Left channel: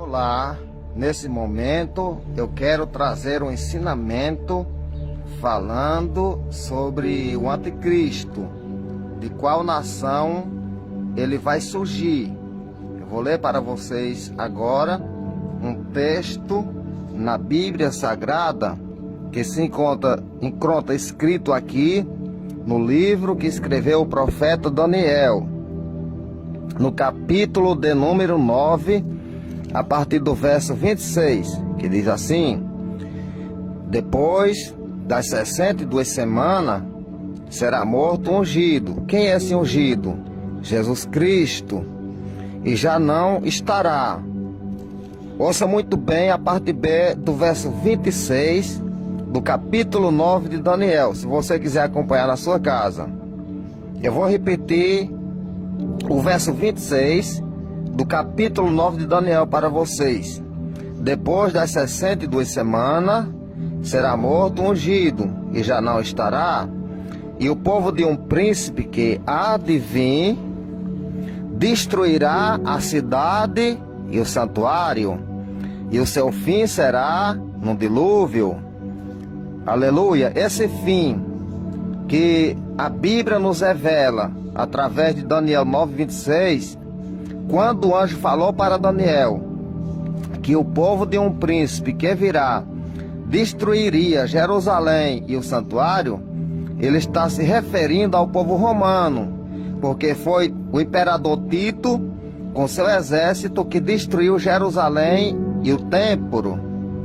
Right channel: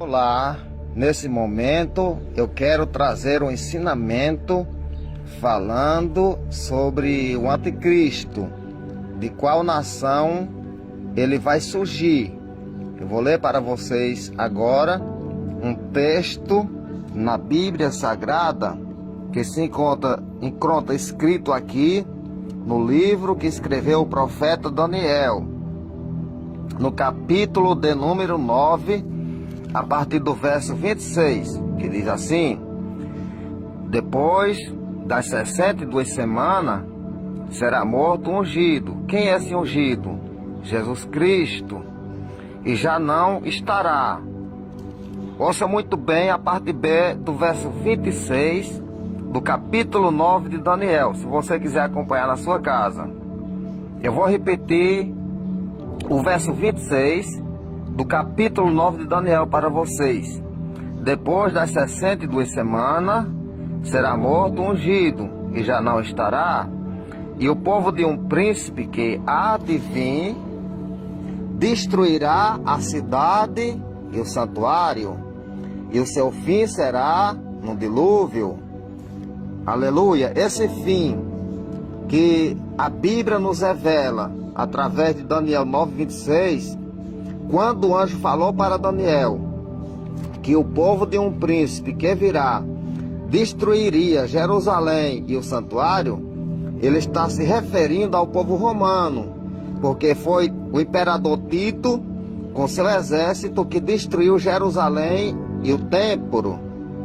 Olá, nesse momento eu quero trazer um ensinamento falando sobre o anticristo, de qual nação ele vai surgir. Eu vou ler para vocês agora um texto na Bíblia Sagrada que se encontra escrito aqui no livro que escreveu o profeta Daniel, no capítulo de número 9, a partir do verso 26, que diz assim: depois das 62 semanas, será morto um ungido. Quem é esse ungido? Jesus Cristo. E já não estará. Ouça muito bem a parte B do verso 26 do capítulo 9 de Daniel, se você quiser acompanhar na sua casa. Eu vou repetir o verso 26 do capítulo 9 de Daniel para vocês. Depois das 62 semanas, será morto um ungido, e já não estará. E o povo de um príncipe que há de vir destruirá a cidade e o santuário, e o seu fim será no dilúvio. Aleluia! Esse fim que a Bíblia nos revela através de Daniel 9:26, quando o anjo falou para Daniel que o povo de um príncipe que virá destruiria Jerusalém e o santuário, ele está se referindo ao povo romano, porque foi o imperador Tito com seu exército que destruiu Jerusalém e o templo,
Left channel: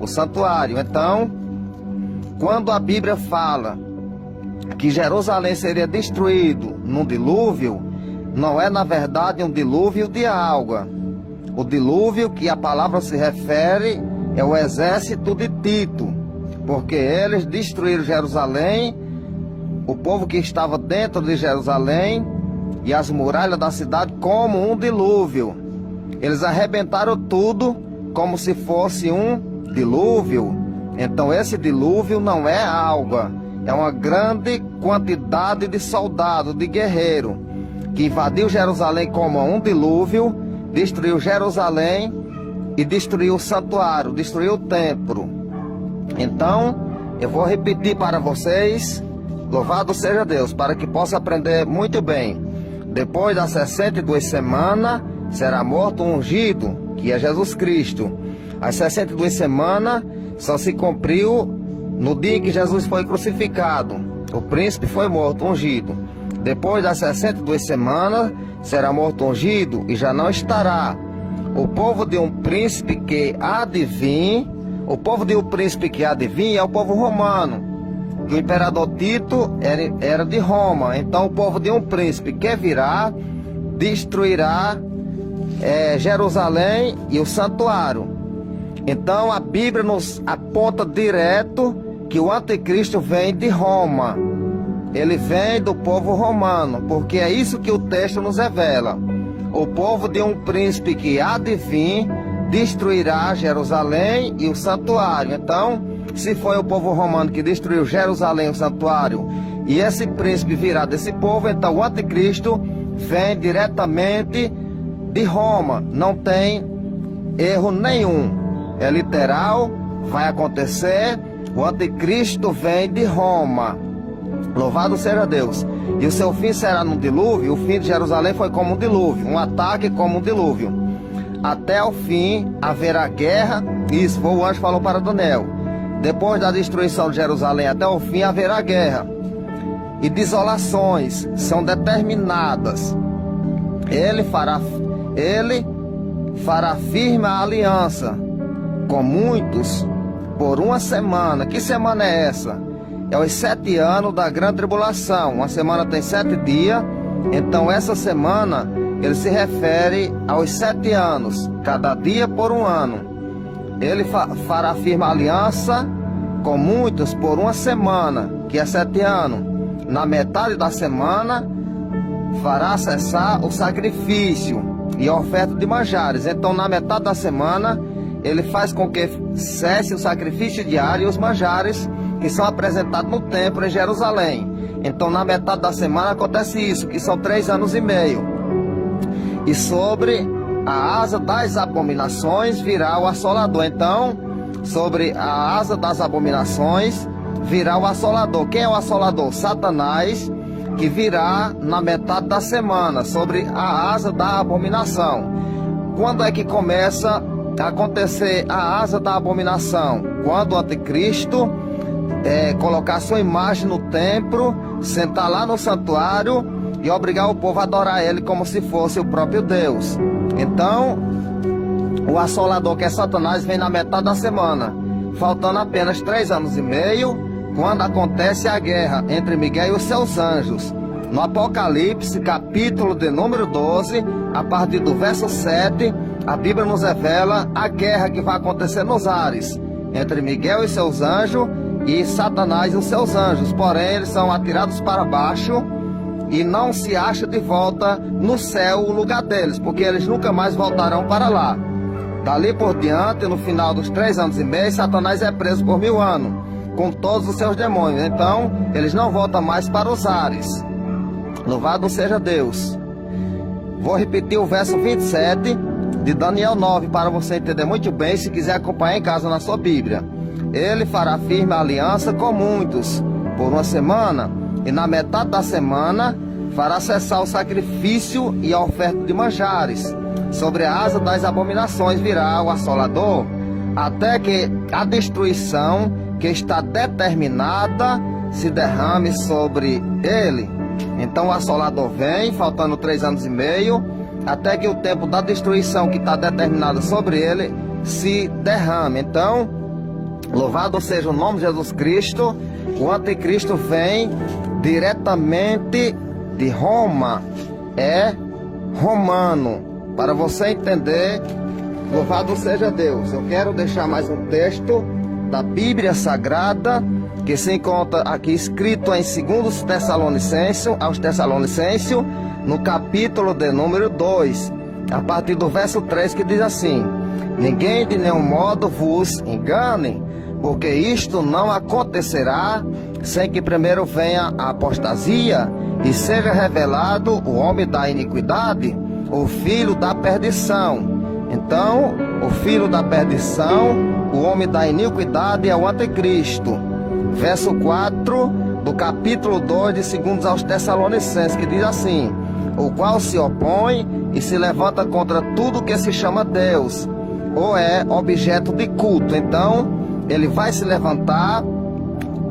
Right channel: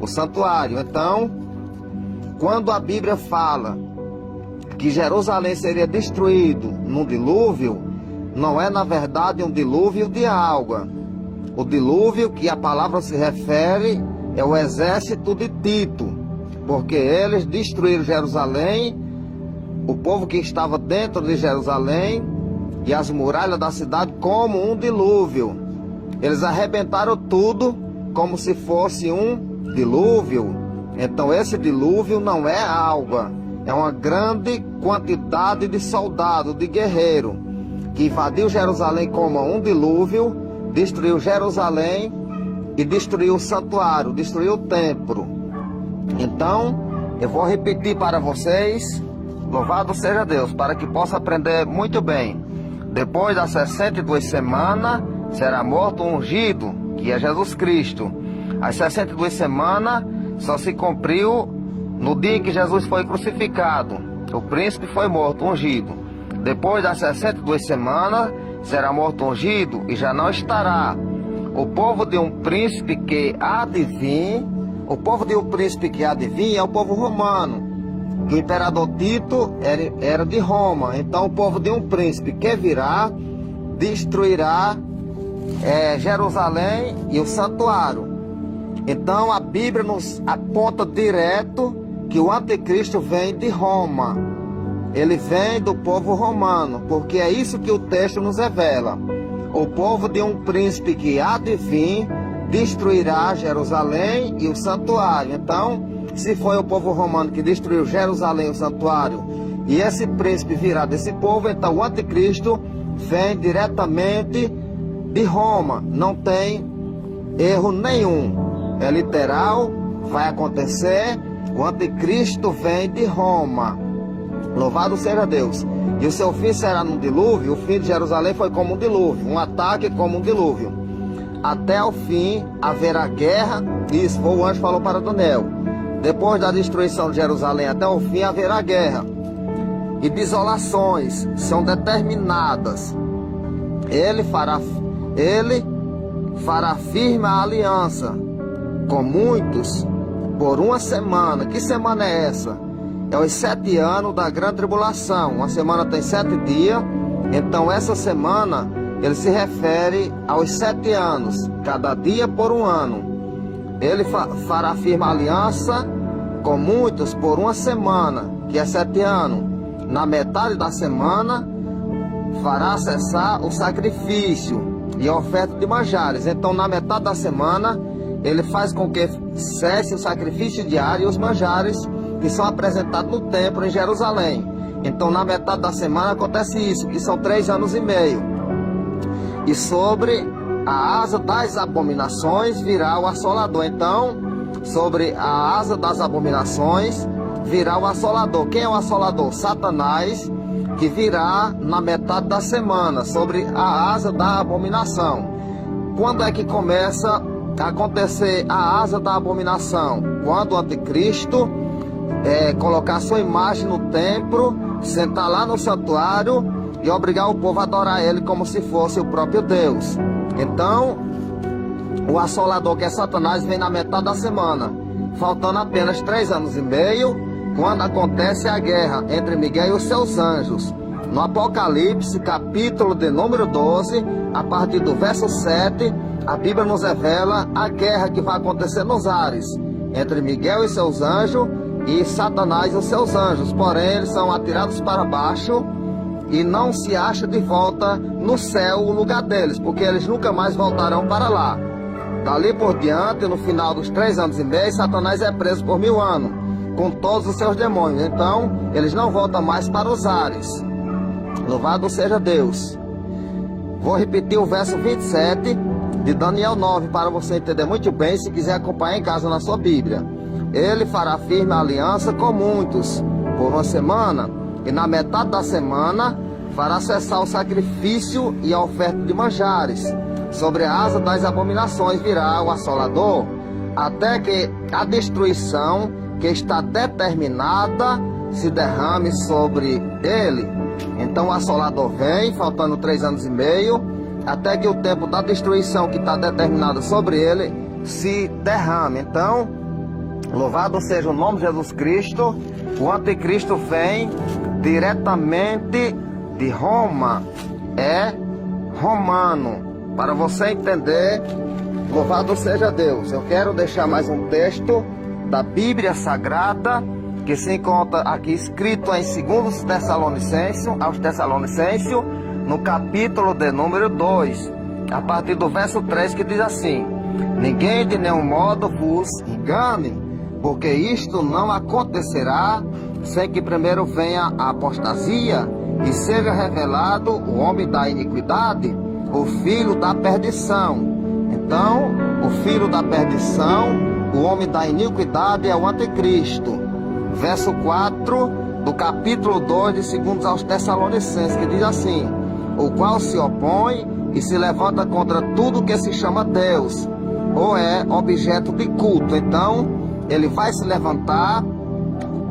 o santuário. Então, quando a Bíblia fala que Jerusalém seria destruído num dilúvio, não é na verdade um dilúvio de água. O dilúvio que a palavra se refere é o exército de Tito, porque eles destruíram Jerusalém, o povo que estava dentro de Jerusalém e as muralhas da cidade como um dilúvio. Eles arrebentaram tudo como se fosse um dilúvio. Então esse dilúvio não é água, é uma grande quantidade de soldados, de guerreiros, que invadiu Jerusalém como um dilúvio, destruiu Jerusalém e destruiu o santuário, destruiu o templo. Então, eu vou repetir para vocês, louvado seja Deus, para que possa aprender muito bem. Depois das 62 semanas, será morto um ungido, que é Jesus Cristo. As 62 semanas só se cumpriu no dia que Jesus foi crucificado. O príncipe foi morto, ungido. Depois das 62 semanas, será morto ungido e já não estará. O povo de um príncipe que há de vir, o povo de um príncipe que há de vir é o povo romano. O imperador Tito era de Roma. Então o povo de um príncipe que virá, destruirá Jerusalém e o santuário. Então a Bíblia nos aponta direto que o anticristo vem de Roma. Ele vem do povo romano, porque é isso que o texto nos revela. O povo de um príncipe que há de vir destruirá Jerusalém e o santuário. Então, se foi o povo romano que destruiu Jerusalém e o santuário, e esse príncipe virá desse povo, então o anticristo vem diretamente de Roma. Não tem erro nenhum. É literal, vai acontecer. O anticristo vem de Roma. Louvado seja Deus. E o seu fim será no dilúvio. O fim de Jerusalém foi como um dilúvio, um ataque como um dilúvio. Até o fim haverá guerra. Isso foi o anjo que falou para Daniel. Depois da destruição de Jerusalém, até o fim haverá guerra. E desolações são determinadas. Ele fará firme a aliança com muitos por uma semana. Que semana é essa? É os 7 anos da grande tribulação. Uma semana tem 7 dias. Então essa semana ele se refere aos 7 anos, cada dia por um ano. Ele fará firme aliança com muitos por uma semana, que é 7 anos. Na metade da semana fará cessar o sacrifício e a oferta de manjares. Então na metade da semana ele faz com que cesse o sacrifício diário e os manjares que são apresentados no templo em Jerusalém. Então na metade da semana acontece isso, que são 3 anos e meio. E sobre a asa das abominações virá o assolador. Então, sobre a asa das abominações virá o assolador. Quem é o assolador? Satanás, que virá na metade da semana, sobre a asa da abominação. Quando é que começa a acontecer a asa da abominação? Quando o anticristo colocar sua imagem no templo, sentar lá no santuário e obrigar o povo a adorar ele como se fosse o próprio Deus. Então, o assolador, que é Satanás, vem na metade da semana, faltando apenas 3 anos e meio, quando acontece a guerra entre Miguel e os seus anjos. No Apocalipse, capítulo de número 12, a partir do verso 7, a Bíblia nos revela a guerra que vai acontecer nos ares, entre Miguel e seus anjos e Satanás e os seus anjos. Porém, eles são atirados para baixo e não se acha de volta no céu o lugar deles, porque eles nunca mais voltarão para lá. Dali por diante, no final dos 3 anos e meio, Satanás é preso por 1000 anos, com todos os seus demônios. Então, eles não voltam mais para os ares. Louvado seja Deus. Vou repetir o verso 27 de Daniel 9, para você entender muito bem, se quiser acompanhar em casa na sua Bíblia. Ele fará firme a aliança com muitos por 1 semana, e na metade da semana fará cessar o sacrifício e a oferta de manjares. Sobre a asa das abominações virá o assolador, até que a destruição que está determinada se derrame sobre ele. Então o assolador vem, faltando 3 anos e meio, até que o tempo da destruição que está determinado sobre ele se derrame. Então, louvado seja o nome de Jesus Cristo. O anticristo vem diretamente de Roma, é romano. Para você entender, louvado seja Deus. Eu quero deixar mais um texto da Bíblia Sagrada, que se encontra aqui escrito em 2 Tessalonicenses, aos Tessalonicenses, no capítulo de número 2, a partir do verso 3, que diz assim: ninguém de nenhum modo vos engane, porque isto não acontecerá sem que primeiro venha a apostasia e seja revelado o homem da iniquidade, o filho da perdição. Então, o filho da perdição, o homem da iniquidade, é o anticristo. Verso 4 do capítulo 2 de 2 aos Tessalonicenses, que diz assim: o qual se opõe e se levanta contra tudo que se chama Deus, ou é objeto de culto. Então, ele vai se levantar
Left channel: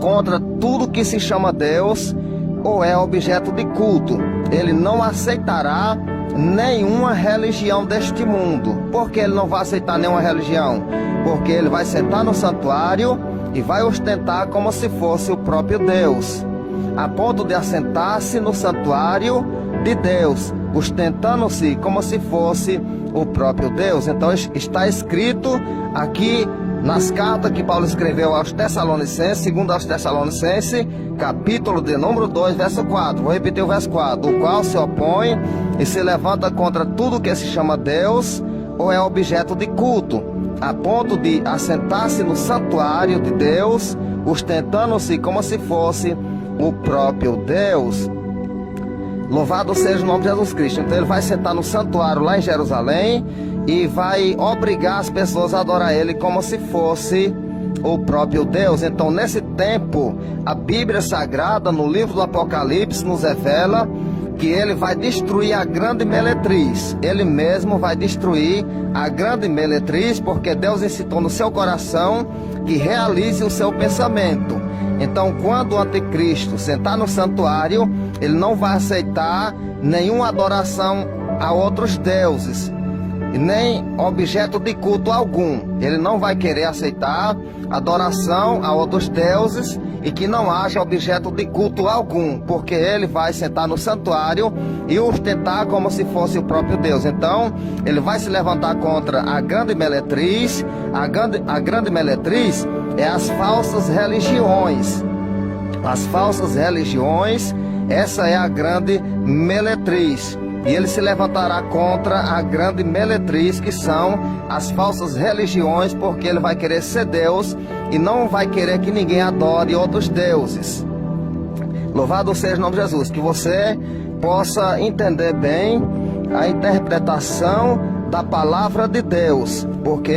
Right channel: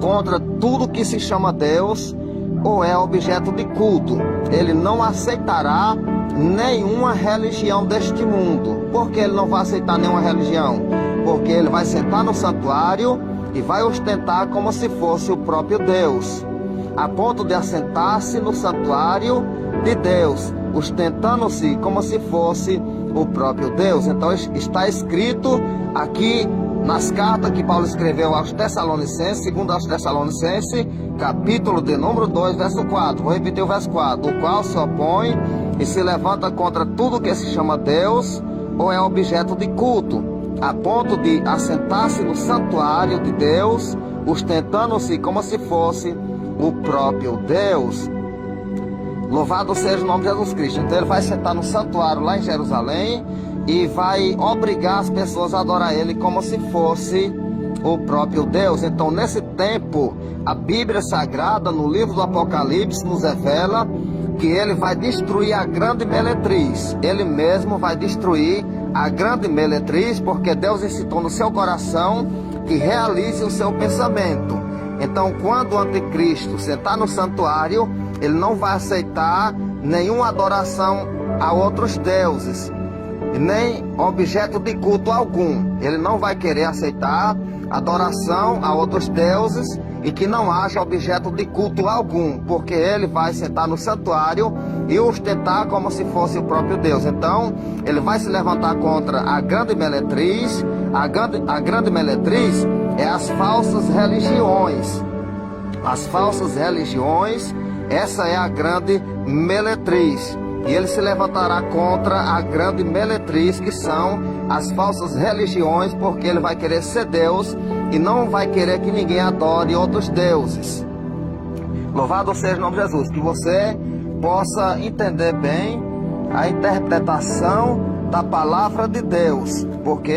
contra tudo que se chama Deus, ou é objeto de culto. Ele não aceitará nenhuma religião deste mundo. Por que ele não vai aceitar nenhuma religião? Porque ele vai sentar no santuário e vai ostentar como se fosse o próprio Deus, a ponto de assentar-se no santuário de Deus, ostentando-se como se fosse o próprio Deus. Então está escrito aqui nas cartas que Paulo escreveu aos Tessalonicenses, 2 aos Tessalonicenses, capítulo de número 2, verso 4. Vou repetir o verso 4. O qual se opõe e se levanta contra tudo que se chama Deus, ou é objeto de culto, a ponto de assentar-se no santuário de Deus, ostentando-se como se fosse o próprio Deus. Louvado seja o nome de Jesus Cristo. Então ele vai sentar no santuário lá em Jerusalém e vai obrigar as pessoas a adorar ele como se fosse o próprio Deus. Então, nesse tempo, a Bíblia Sagrada, no livro do Apocalipse, nos revela que ele vai destruir a grande meretriz. Ele mesmo vai destruir a grande meretriz, porque Deus incitou no seu coração que realize o seu pensamento. Então, quando o anticristo sentar no santuário, ele não vai aceitar nenhuma adoração a outros deuses, nem objeto de culto algum. Ele não vai querer aceitar adoração a outros deuses e que não haja objeto de culto algum, porque ele vai sentar no santuário e ostentar como se fosse o próprio Deus. Então, ele vai se levantar contra a grande meretriz. A grande meretriz é as falsas religiões. As falsas religiões, essa é a grande meretriz. E ele se levantará contra a grande meretriz, que são as falsas religiões, porque ele vai querer ser Deus e não vai querer que ninguém adore outros deuses. Louvado seja o nome de Jesus. Que você possa entender bem a interpretação da palavra de Deus, porque